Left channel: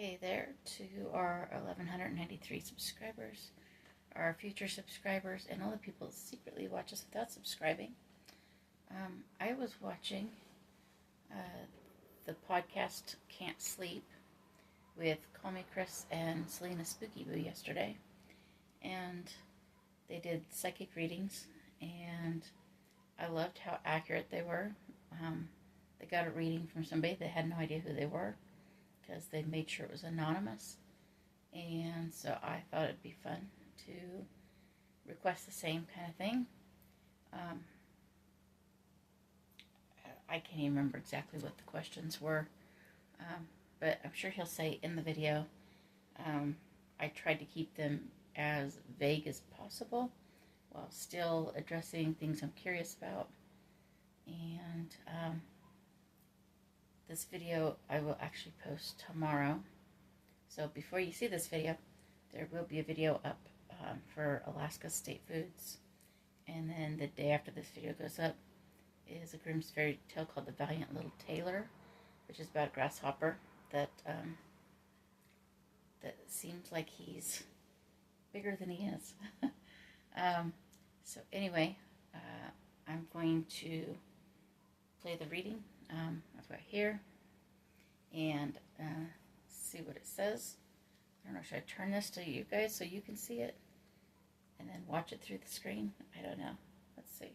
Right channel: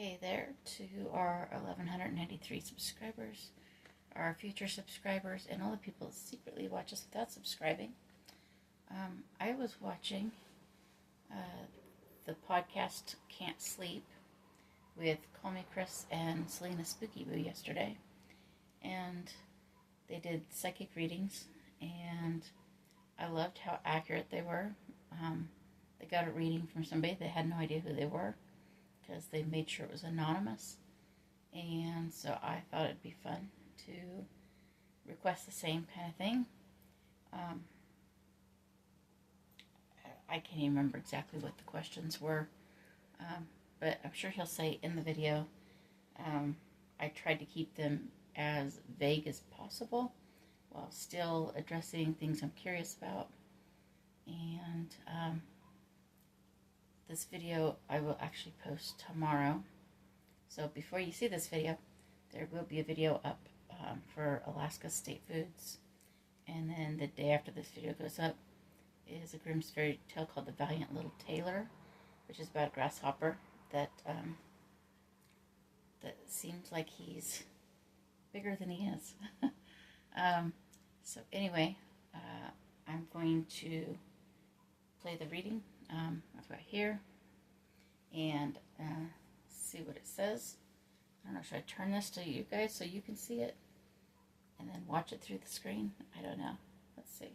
Hey there to our 1,193 subscribers, our future subscribers, and all the people that secretly watch us without subscribing. I was watching the podcast Can't Sleep with Call Me Chris and Selena Spooky Boo yesterday, and they did psychic readings, and I loved how accurate they were. They got a reading from somebody that had no idea who they were, because they made sure it was anonymous, and so I thought it'd be fun to request the same kind of thing. I can't even remember exactly what the questions were, but I'm sure he'll say in the video. I tried to keep them as vague as possible while still addressing things I'm curious about, and this video I will actually post tomorrow. So before you see this video, there will be a video up for Alaska State Foods. And then the day after this video goes up is a Grimm's fairy tale called The Valiant Little Tailor, which is about a grasshopper that that seems like he's bigger than he is. So anyway, I'm going to play the reading. I've got here, and see what it says. I don't know, should I turn this to you guys so you can see it and then watch it through the screen? I don't know. Let's see.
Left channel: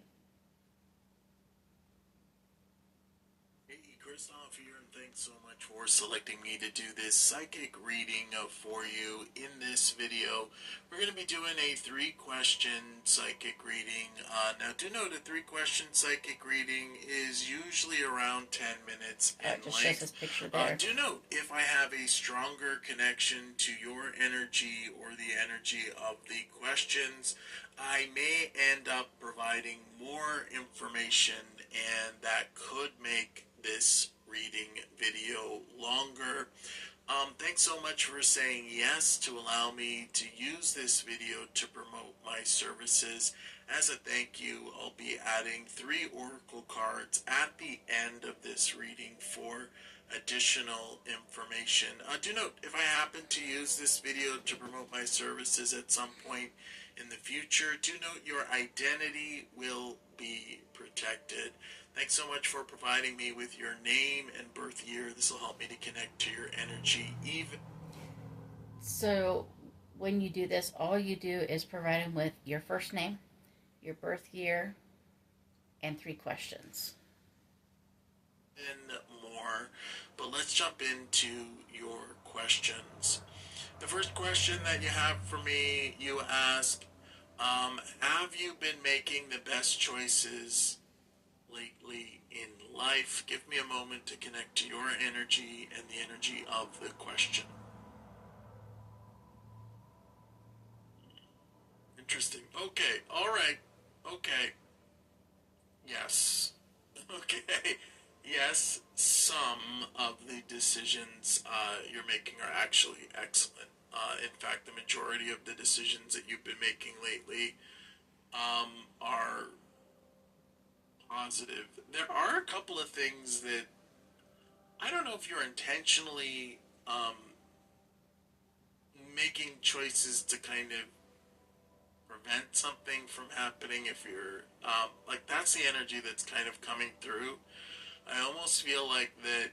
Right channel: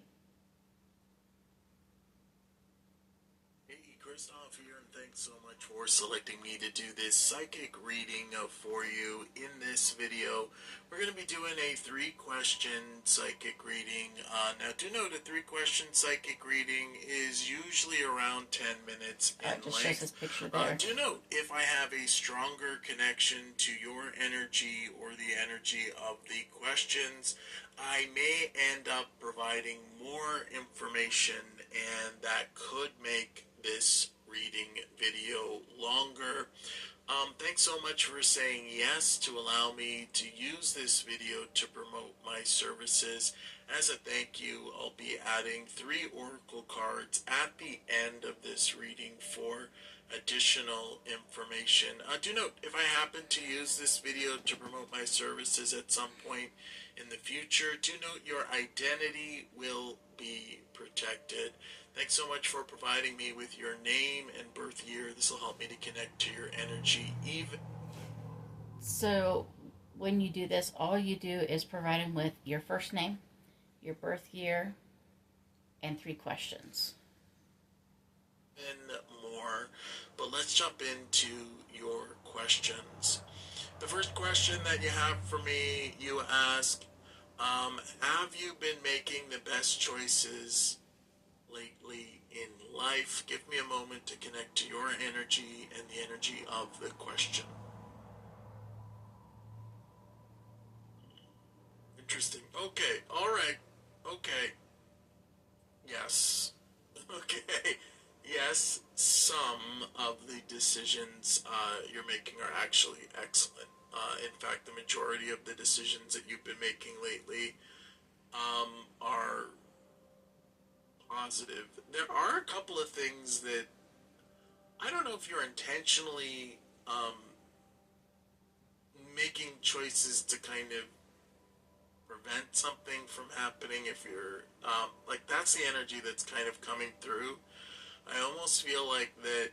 Hey, Christoph here, and thanks so much for selecting me to do this psychic reading for you. In this video, we're going to be doing a 3-question psychic reading. Now, do note a 3-question psychic reading is usually around 10 minutes in just length. shows this picture there. Do note, if I have a stronger connection to your energy or the energy of the questions, I may end up providing more information, and that could make this reading video longer. Thanks so much for saying yes to allow me to use this video to promote my services. As a thank you, I'll be adding 3 oracle cards at the end of this reading for additional information. Do note, if I happen to use this video to promote my services at some point in the future, do note your identity will be protected. Thanks so much for providing me with your name and birth year. This will help me to connect to your energy even. So when you do this, all you do is provide him with your first name, your birth year, and 3 questions. And more, but let's jump into your questions. The first question that you have for me, you ask, have you been making the best choices lately in life? Give me a moment to connect to your energy and the energy of the question. Interesting. Okay. All right. Okay. Yes. Okay. Yes, some of the decisions you're making are actually excellent. In fact, the majority of the decisions that you've been making lately are positive. There are a couple of things that I don't know if you're intentionally making choices to kind of prevent something from happening. If you're like, that's the energy that's kind of coming through. I almost feel like that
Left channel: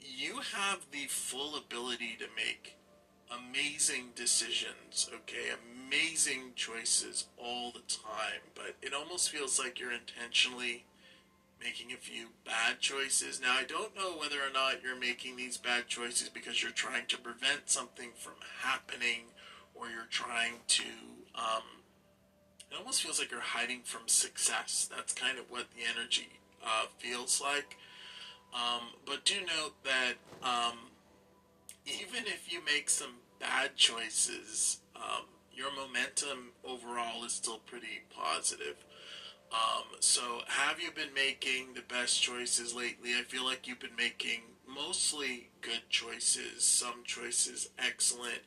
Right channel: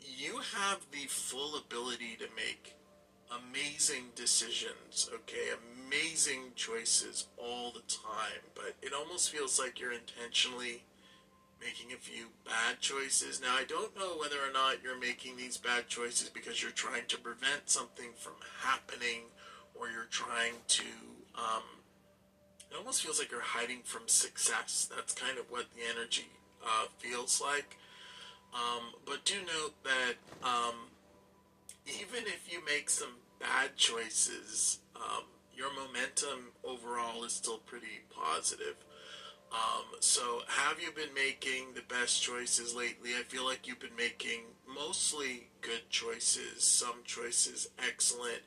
you have the full ability to make amazing decisions, okay, amazing choices all the time, but it almost feels like you're intentionally making a few bad choices. Now, I don't know whether or not you're making these bad choices because you're trying to prevent something from happening, or you're trying to, it almost feels like you're hiding from success. That's kind of what the energy feels like. But do note that even if you make some bad choices, your momentum overall is still pretty positive. So have you been making the best choices lately? I feel like you've been making mostly good choices, some choices excellent.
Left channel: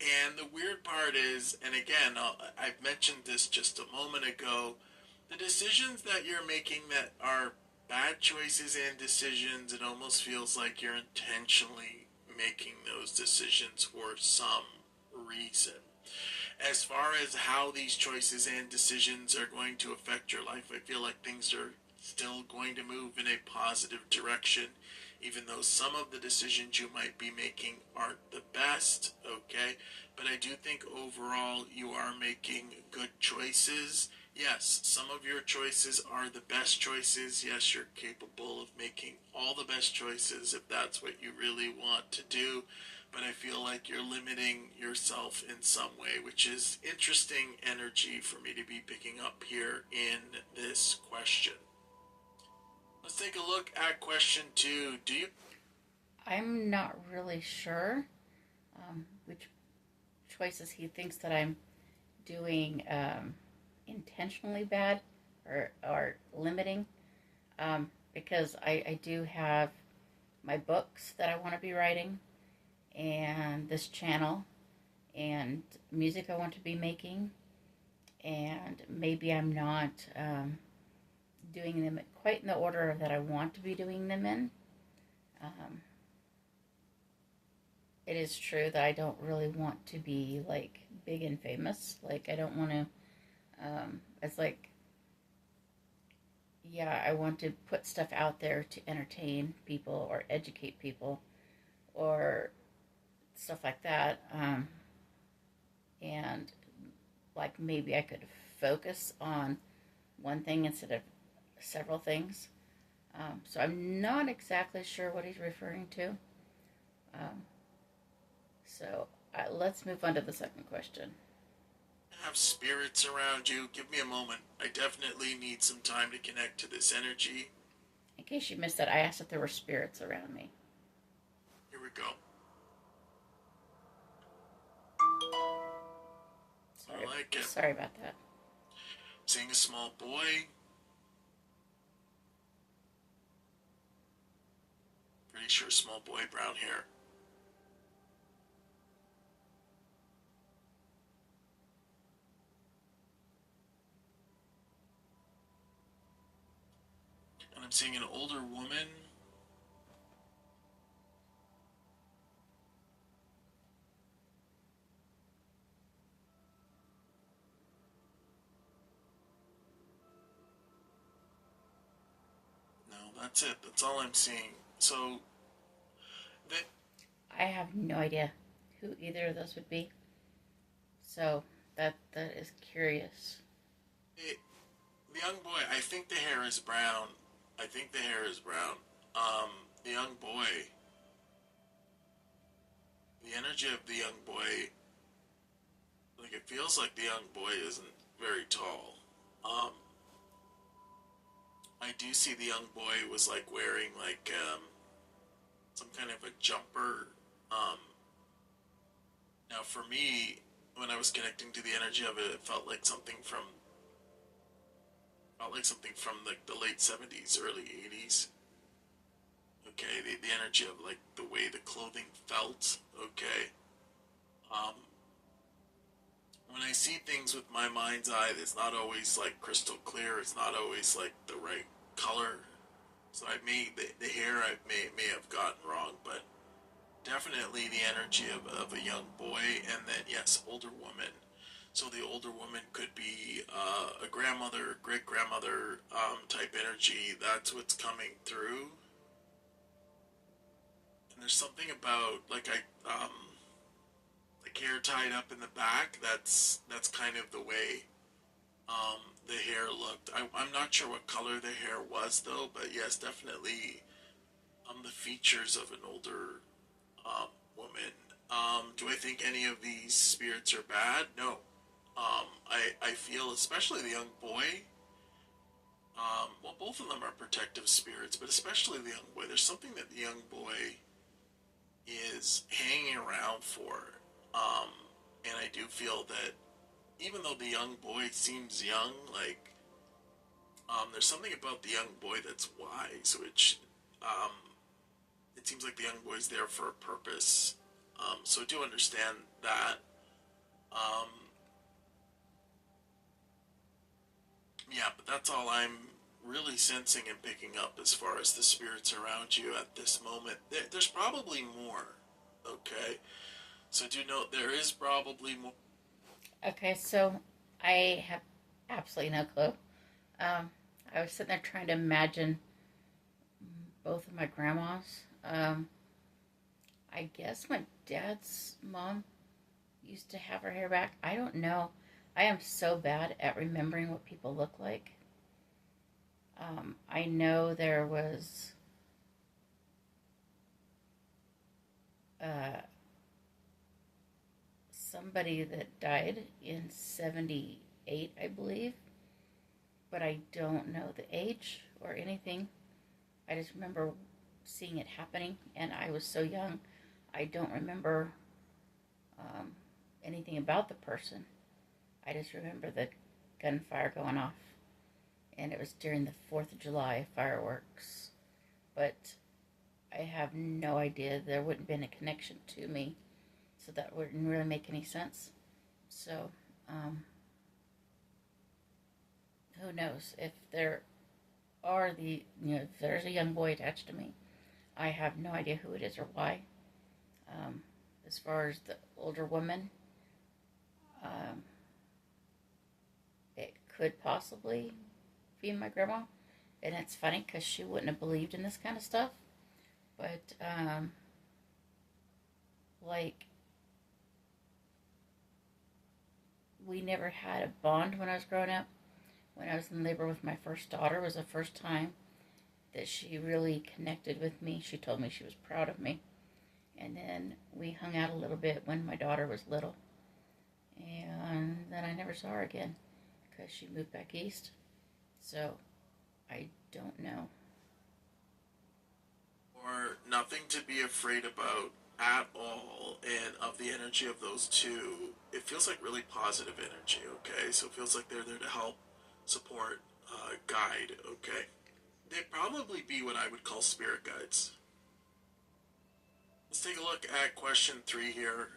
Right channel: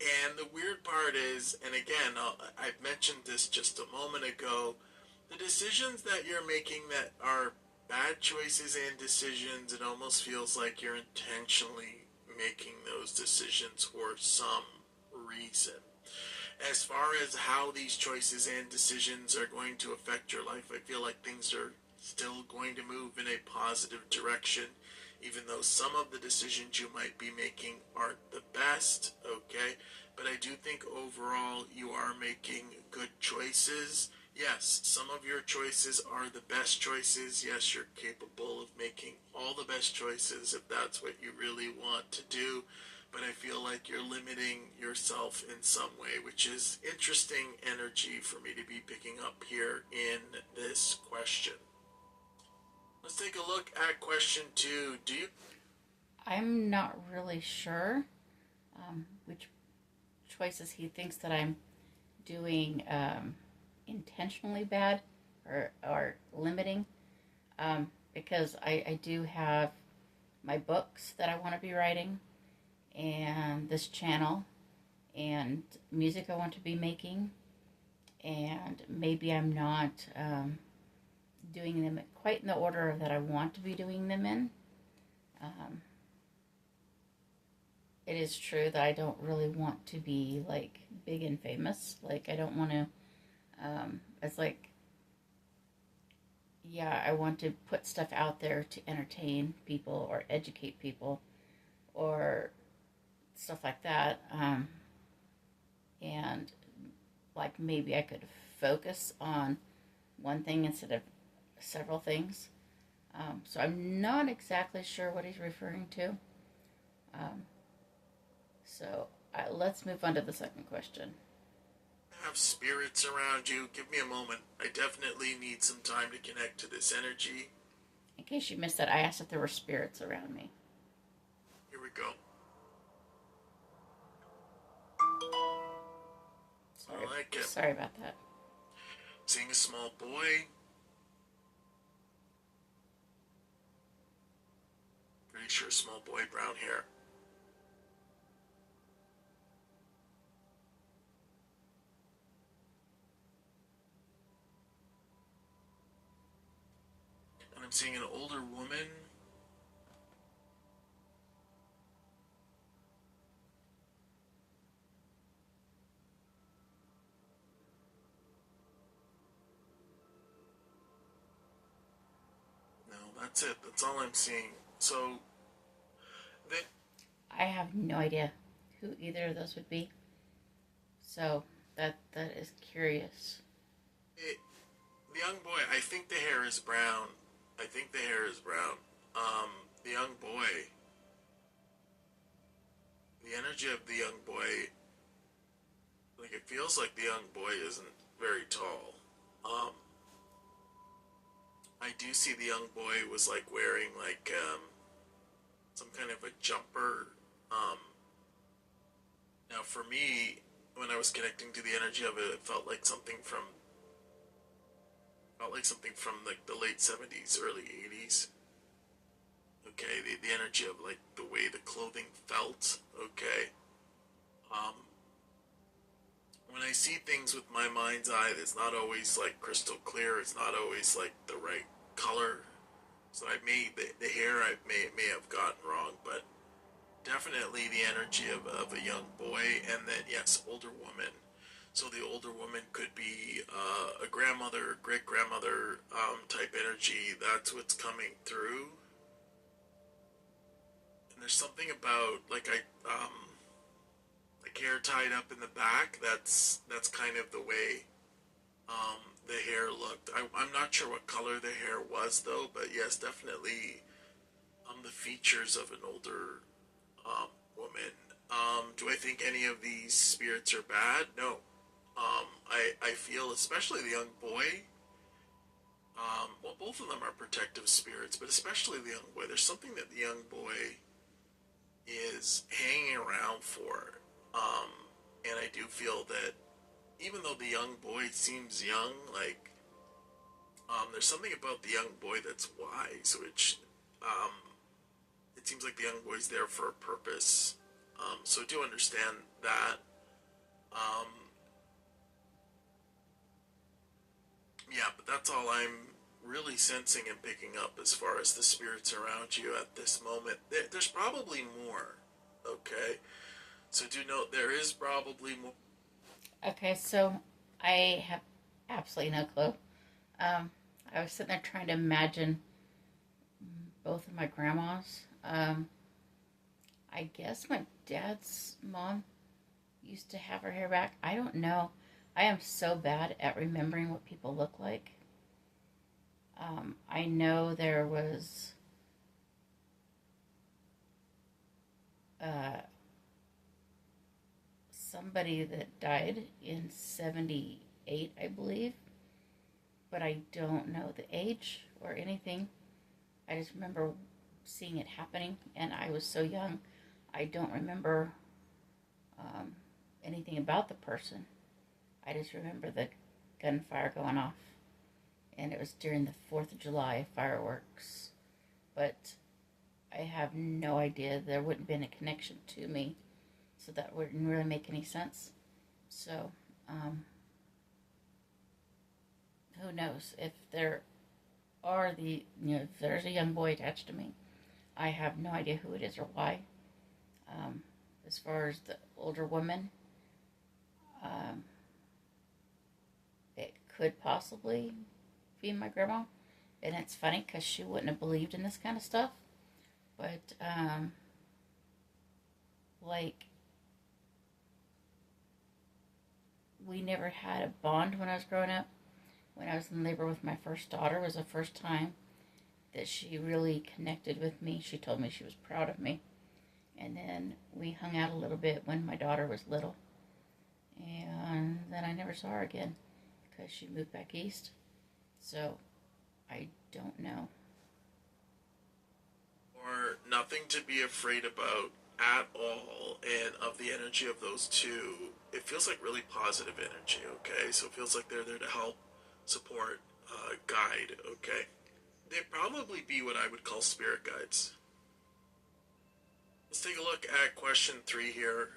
And the weird part is, and again, I've mentioned this just a moment ago, the decisions that you're making that are bad choices and decisions, it almost feels like you're intentionally making those decisions for some reason. As far as how these choices and decisions are going to affect your life, I feel like things are still going to move in a positive direction, even though some of the decisions you might be making aren't the best, okay? But I do think overall you are making good choices. Yes, some of your choices are the best choices. Yes, you're capable of making all the best choices if that's what you really want to do. But I feel like you're limiting yourself in some way, which is interesting energy for me to be picking up here in this question. Let's take a look at question 2. I'm not really sure which choices he thinks that I'm doing intentionally bad or limiting, because I do have my books that I want to be writing, and this channel, and music I want to be making, and maybe I'm not doing them quite in the order that I want to be doing them in. It is true that I don't really want to be like big and famous. Like, I don't want to, it's like, yeah, I want to put stuff out there to entertain people or educate people or stuff like that. And like maybe I could focus on one thing instead of several things. So I'm not exactly sure what he's referring to. So let's move on to the second question. Have spirits around you? Give me a moment. I definitely need some time to connect to this energy. In case you missed that, I asked if there were spirits around me. Here we go. Sorry, I like it. Sorry about that. Seeing a small boy. Pretty sure small boy, brown hair. And I'm seeing an older woman. No, that's it. That's all I'm seeing. So, I have no idea who either of those would be. So that is curious. The young boy, I think the hair is brown. I think the hair is brown. The young boy, the energy of the young boy, like it feels like the young boy isn't very tall. I do see the young boy was like wearing like some kind of a jumper. Now for me, when I was connecting to the energy of it, it felt like something from like the late 70s, early 80s. Okay, the energy of like the way the clothing felt. Okay. When I see things with my mind's eye, it's not always like crystal clear. It's not always like the right color. So I may the hair I may have gotten wrong, but definitely the energy of a young boy, and then yes, older woman. So the older woman could be a grandmother, great grandmother type energy. That's what's coming through. And there's something about like hair tied up in the back. That's kind of the way the hair looked. I'm not sure what color the hair was though, but yes, definitely the features of an older woman. Do I think any of these spirits are bad? No. I feel, especially the young boy, well, both of them are protective spirits, but especially the young boy. There's something that the young boy is hanging around for. And I do feel that even though the young boy seems young, like, there's something about the young boy that's wise, which, it seems like the young boy's there for a purpose. So I do understand that. Yeah, but that's all I'm really sensing and picking up as far as the spirits around you at this moment. There's probably more. Okay, so do note there is probably more. Okay, so I have absolutely no clue. Um, I was sitting there trying to imagine both of my grandmas. Um, I guess my dad's mom used to have her hair back. I don't know. I am so bad at remembering what people look like. I know there was uh, somebody that died in 78, I believe, but I don't know the age or anything. I just remember seeing it happening, and I was so young, I don't remember um, anything about the person. I just remember the gunfire going off, and it was during the 4th of July fireworks. But I have no idea. There wouldn't have been a connection to me, so that wouldn't really make any sense. So, who knows if there are if there's a young boy attached to me. I have no idea who it is or why. Um, as far as the older woman, um, it could possibly be my grandma. And it's funny because she wouldn't have believed in this kind of stuff. But, like, we never had a bond when I was growing up. When I was in labor with my first daughter was the first time that she really connected with me. She told me she was proud of me. And then we hung out a little bit when my daughter was little. And then I never saw her again because she moved back east. So I don't know. Or nothing to be afraid about at all, and of the energy of those two, it feels like really positive energy, okay? So it feels like they're there to help, support, guide, okay? They'd probably be what I would call spirit guides. Let's take a look at question 3 here.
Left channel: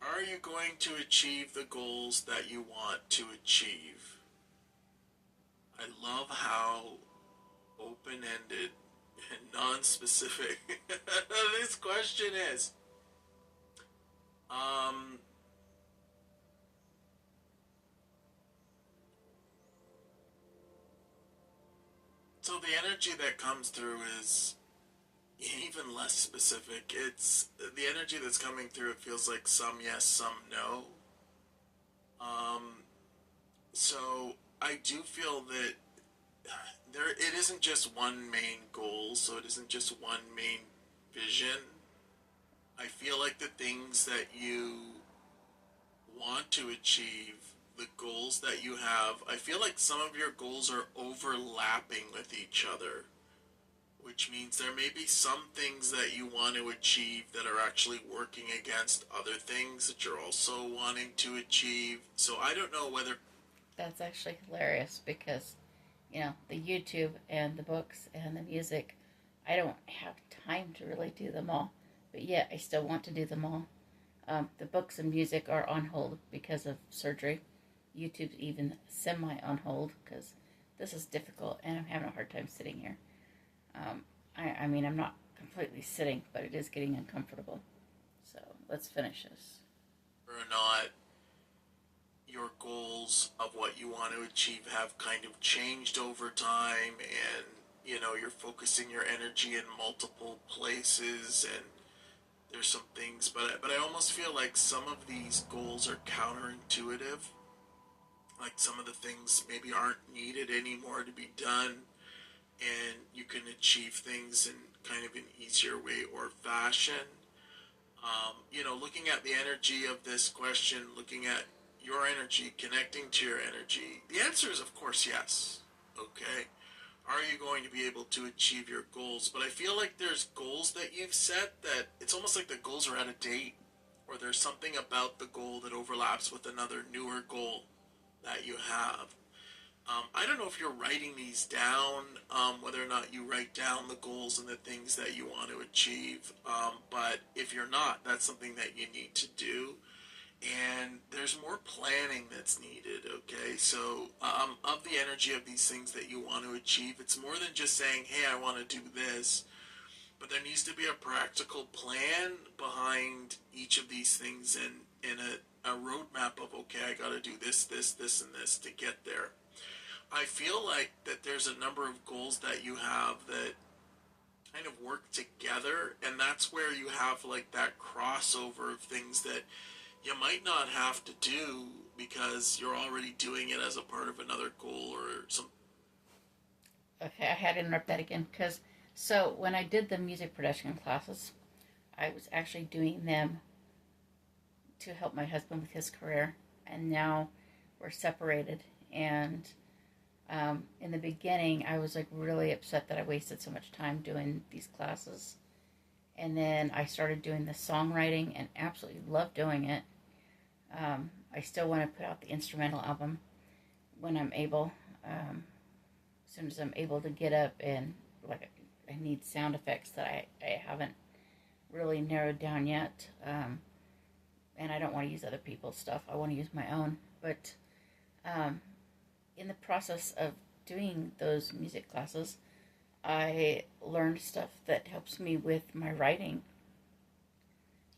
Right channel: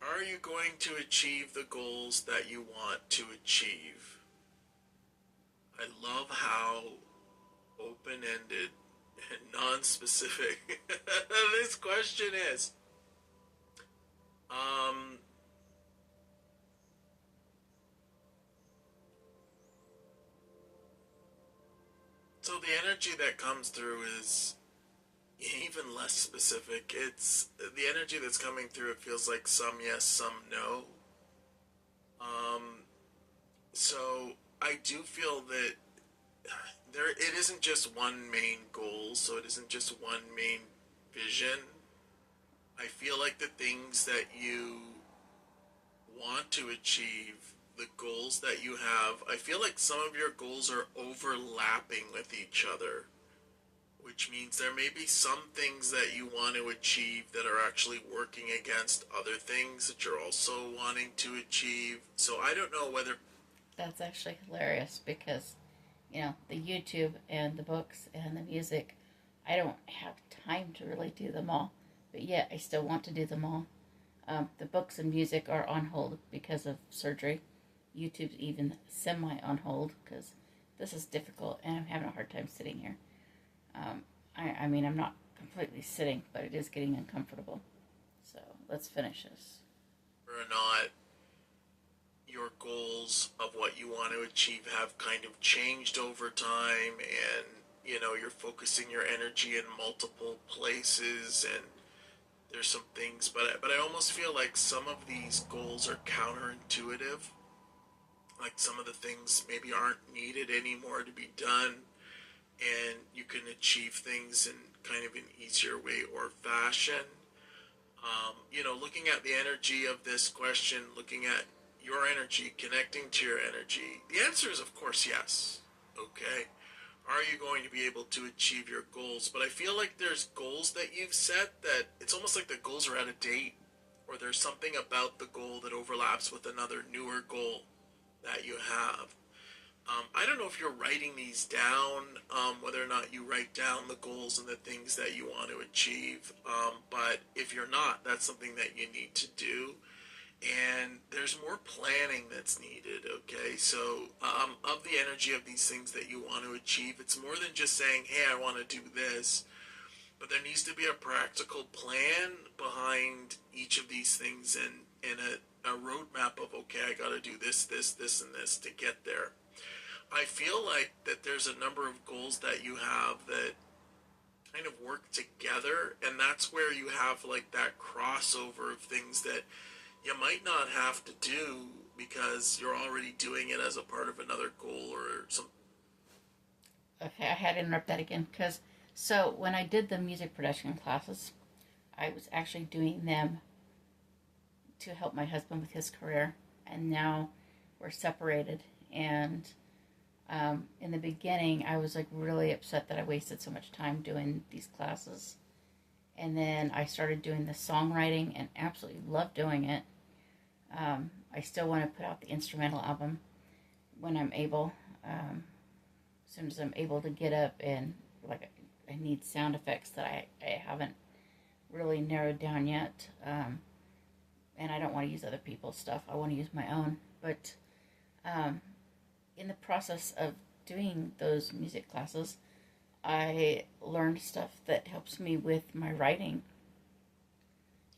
Are you going to achieve the goals that you want to achieve? I love how open-ended and non-specific this question is. So the energy that comes through is even less specific. It's the energy that's coming through. It feels like some yes, some no. Um, so I do feel that it isn't just one main goal. So it isn't just one main vision. I feel like the things that you want to achieve, the goals that you have, I feel like some of your goals are overlapping with each other, which means there may be some things that you want to achieve that are actually working against other things that you're also wanting to achieve. So I don't know whether. That's actually hilarious because, the YouTube and the books and the music, I don't have time to really do them all. But yet I still want to do them all. The books and music are on hold because of surgery. YouTube's even semi on hold because this is difficult and I'm having a hard time sitting here. I mean, I'm not completely sitting, but it is getting uncomfortable. So let's finish this. Or not, your goals of what you want to achieve have kind of changed over time, and you're focusing your energy in multiple places, and there's some things, but I almost feel like some of these goals are counterintuitive. Like some of the things maybe aren't needed anymore to be done, and you can achieve things in kind of an easier way or fashion. Looking at the energy of this question, looking at your energy, connecting to your energy, the answer is, of course, yes. Okay. Are you going to be able to achieve your goals? But I feel like there's goals that you've set that it's almost like the goals are out of date, or there's something about the goal that overlaps with another newer goal that you have. I don't know if you're writing these down, whether or not you write down the goals and the things that you want to achieve. But if you're not, that's something that you need to do. And there's more planning that's needed, okay? So, of the energy of these things that you want to achieve, it's more than just saying, hey, I want to do this. but there needs to be a practical plan behind each of these things, and a roadmap of, okay, I got to do this, this, this, and this to get there. I feel like that there's a number of goals that you have that kind of work together, and that's where you have like that crossover of things that you might not have to do because you're already doing it as a part of another goal or some. Okay, I had to interrupt that again because so when I did the music production classes, I was actually doing them to help my husband with his career, and now we're separated. And in the beginning, I was like really upset that I wasted so much time doing these classes, and then I started doing the songwriting and absolutely love doing it. I still want to put out the instrumental album when I'm able. As soon as I'm able to get up, and like I need sound effects that I haven't really narrowed down yet. And I don't want to use other people's stuff. I want to use my own. But in the process of doing those music classes, I learned stuff that helps me with my writing.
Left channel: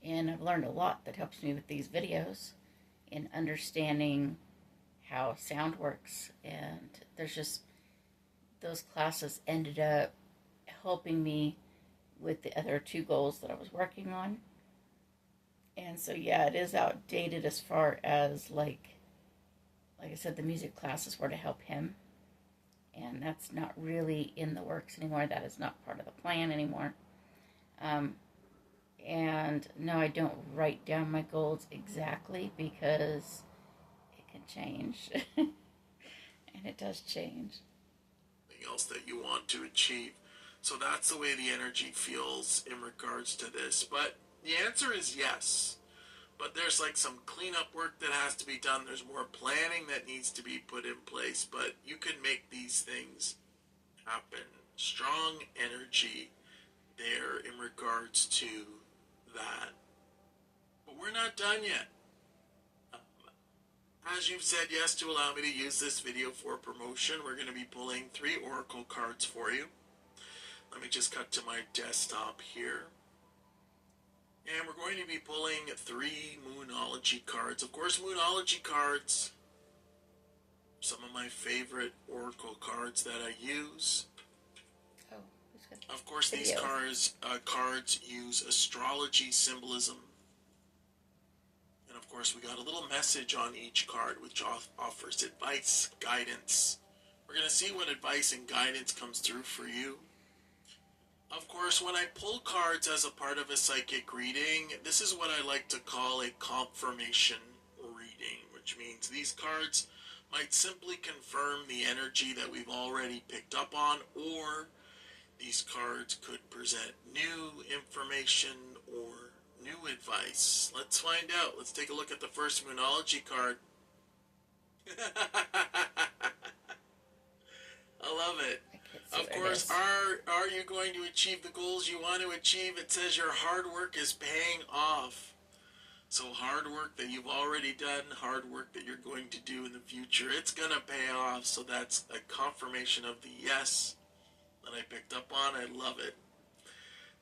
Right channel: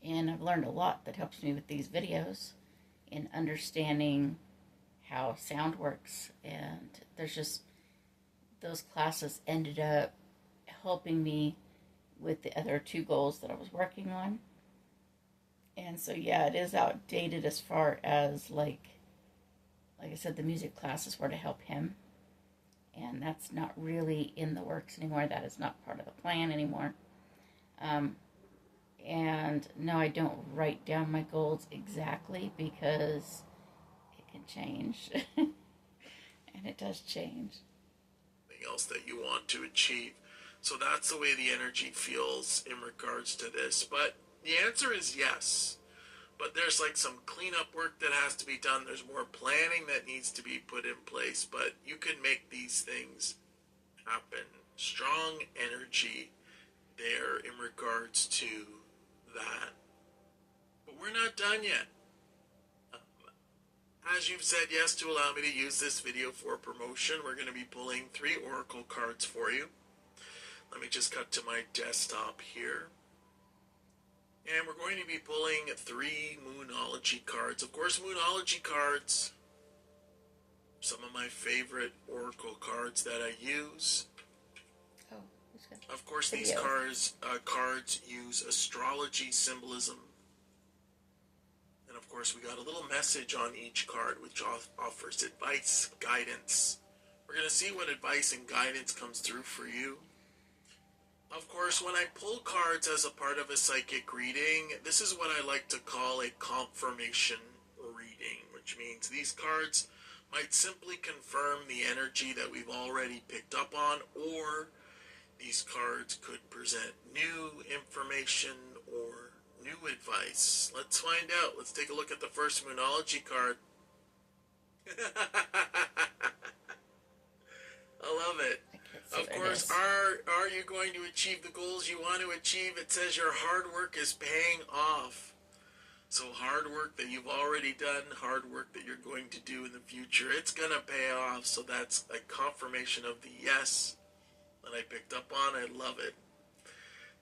And I've learned a lot that helps me with these videos in understanding how sound works. And there's just, those classes ended up helping me with the other two goals that I was working on. And so, yeah, it is outdated as far as, like I said, the music classes were to help him. And that's not really in the works anymore. That is not part of the plan anymore. And no, I don't write down my goals exactly because it can change. And it does change. Else that you want to achieve. So that's the way the energy feels in regards to this. But the answer is yes. But there's like some cleanup work that has to be done. There's more planning that needs to be put in place. But you can make these things happen. Strong energy there in regards to that. But we're not done yet. As you've said yes to allow me to use this video for promotion, we're going to be pulling 3 oracle cards for you. Let me just cut to my desktop here. And we're going to be pulling 3 Moonology cards. Of course, Moonology cards, some of my favorite oracle cards that I use. Oh, that's good. Of course, these cards use astrology symbolism. And of course, we got a little message on each card, which offers advice, guidance. We're going to see what advice and guidance comes through for you. Of course, when I pull cards as a part of a psychic reading, this is what I like to call a confirmation reading, which means these cards might simply confirm the energy that we've already picked up on, or these cards could present new information or new advice. Let's find out. Let's take a look at the first Moonology card. I love it. Of course, are you going to achieve the goals you want to achieve? It says your hard work is paying off. So hard work that you've already done, hard work that you're going to do in the future, it's going to pay off. So that's a confirmation of the yes that I picked up on. I love it.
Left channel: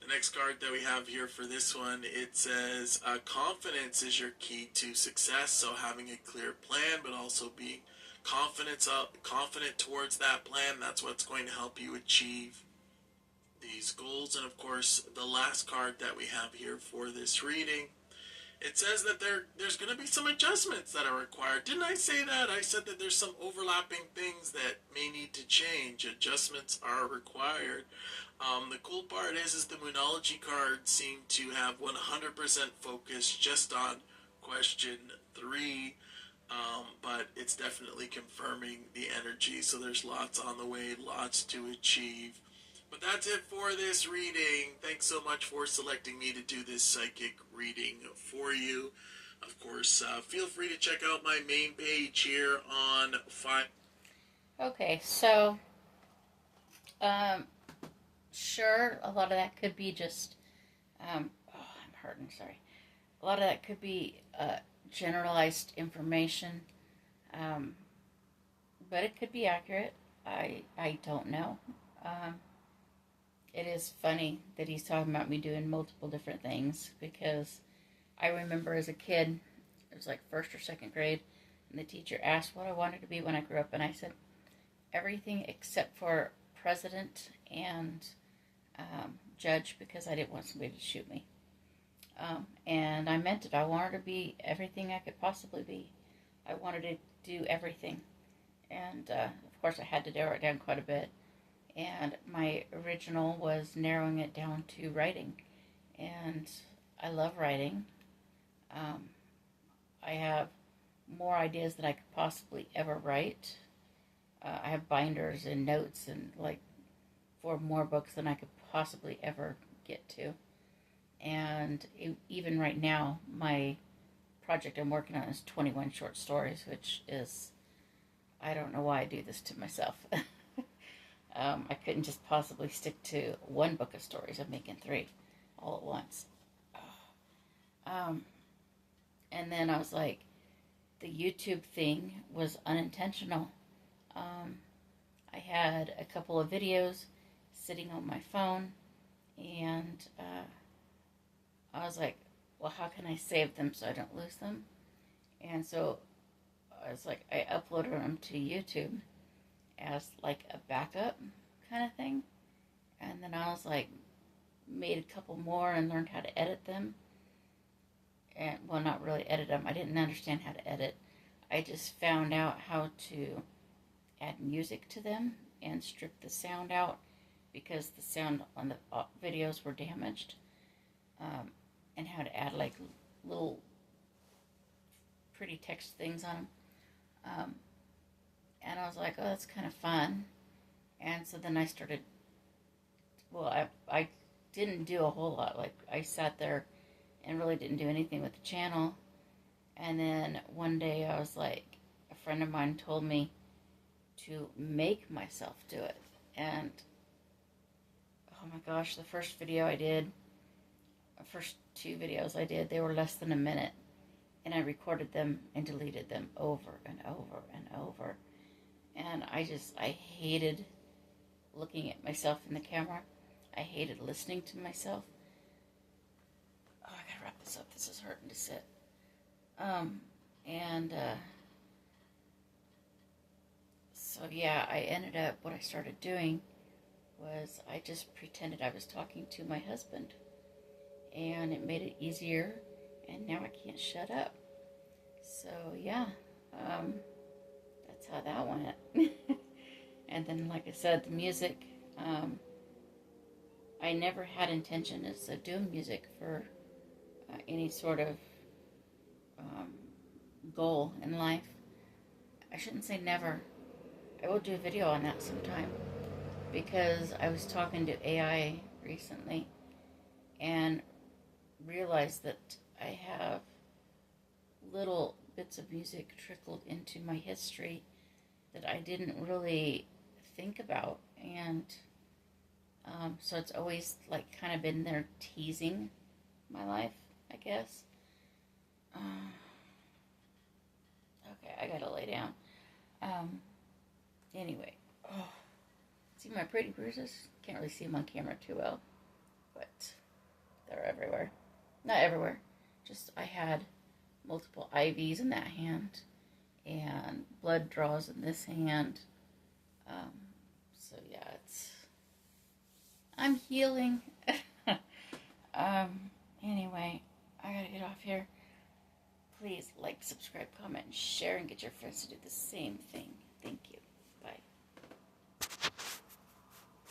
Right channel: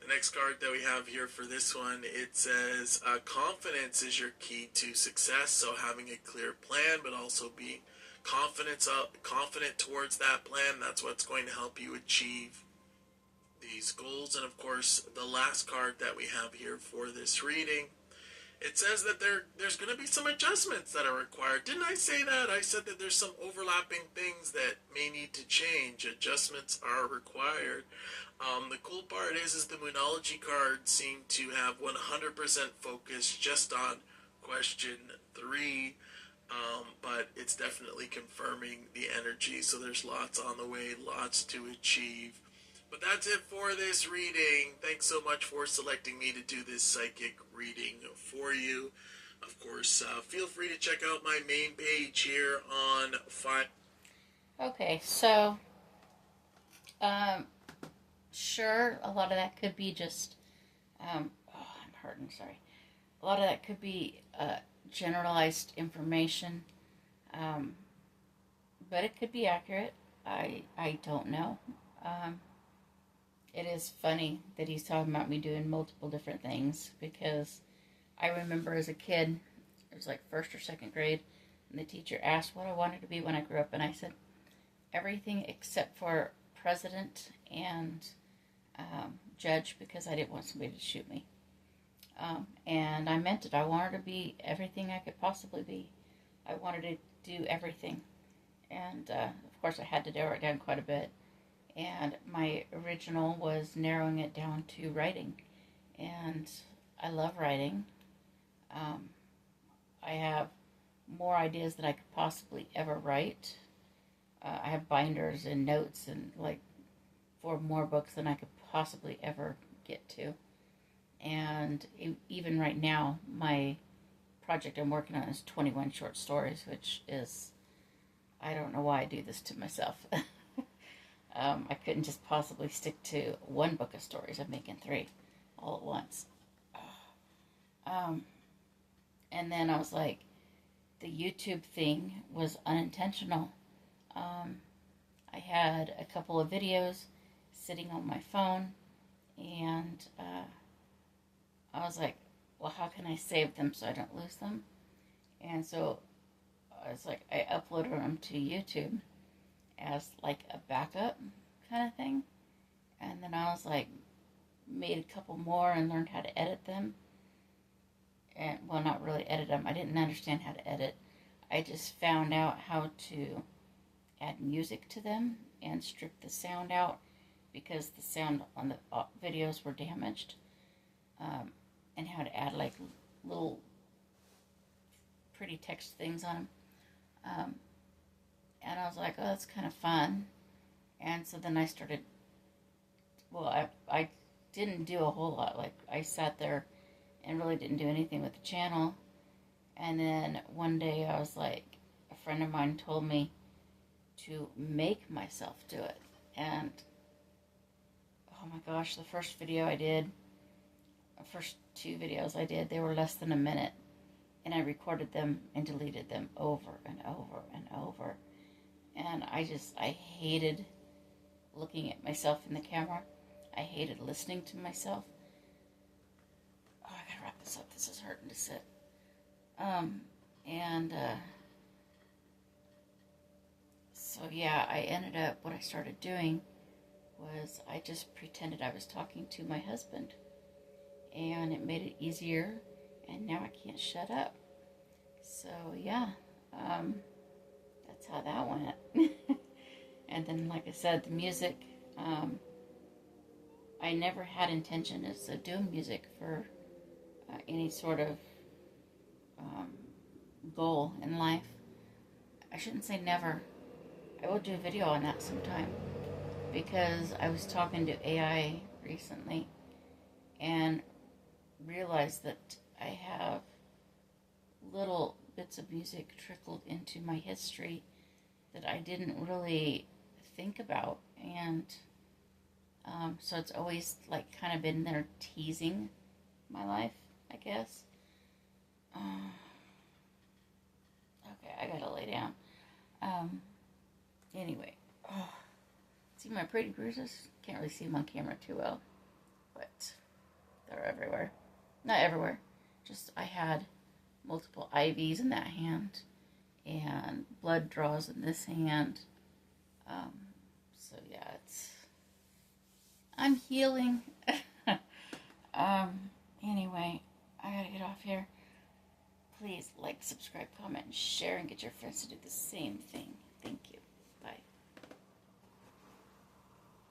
The next card that we have here for this one, it says confidence is your key to success. So having a clear plan, but also being confident towards that plan, that's what's going to help you achieve these goals. And of course, the last card that we have here for this reading, it says that there's going to be some adjustments that are required. Didn't I say that? I said that there's some overlapping things that may need to change. Adjustments are required. The cool part is the Moonology cards seem to have 100% focus just on question 3. But it's definitely confirming the energy, so there's lots on the way, lots to achieve. But that's it for this reading. Thanks so much for selecting me to do this psychic reading for you. Of course, feel free to check out my main page here on Fiverr. Okay, so, sure, a lot of that could be just, I'm hurting, sorry. A lot of that could be, generalized information, but it could be accurate. I don't know. it is funny that he's talking about me doing multiple different things, because I remember as a kid, it was like first or second grade, and the teacher asked what I wanted to be when I grew up, and I said everything except for president and judge, because I didn't want somebody to shoot me. And I meant it. I wanted to be everything I could possibly be. I wanted to do everything. And of course I had to narrow it down quite a bit. And my original was narrowing it down to writing. And I love writing. I have more ideas than I could possibly ever write. I have binders and notes and like 4 more books than I could possibly ever get to. And even right now, my project I'm working on is 21 short stories, which is, I don't know why I do this to myself. I couldn't just possibly stick to 1 book of stories. I'm making 3 all at once. And then I was like, the YouTube thing was unintentional. I had a couple of videos sitting on my phone, and I was like, well, how can I save them so I don't lose them? And so I was like, I uploaded them to YouTube as like a backup kind of thing. And then I was like, made a couple more and learned how to edit them. And well, not really edit them. I didn't understand how to edit. I just found out how to add music to them and strip the sound out, because the sound on the videos were damaged. And how to add like little pretty text things on them. And I was like, oh, that's kind of fun. And so then I started, well, I didn't do a whole lot. Like, I sat there and really didn't do anything with the channel. And then one day I was like, a friend of mine told me to make myself do it. And oh my gosh, the first video I did, the first 2 videos I did, they were less than a minute. And I recorded them and deleted them over and over and over. And I hated looking at myself in the camera. I hated listening to myself. Oh, I gotta wrap this up. This is hurting to sit. So yeah, I ended up, what I started doing was I just pretended I was talking to my husband. And it made it easier, and now I can't shut up. So yeah, that's how that went. And then, like I said, the music, I never had intentions of doing music for any sort of goal in life. I shouldn't say never. I will do a video on that sometime, because I was talking to AI recently and realized that I have little bits of music trickled into my history that I didn't really think about. And so it's always like kind of been there teasing my life, I guess. Okay, I gotta lay down. Anyway, see my pretty bruises? Can't really see them on camera too well, but they're everywhere. Not everywhere, just I had multiple IVs in that hand and blood draws in this hand. So yeah, I'm healing. Anyway, I gotta get off here. Please like, subscribe, comment, and share, and get your friends to do the same thing.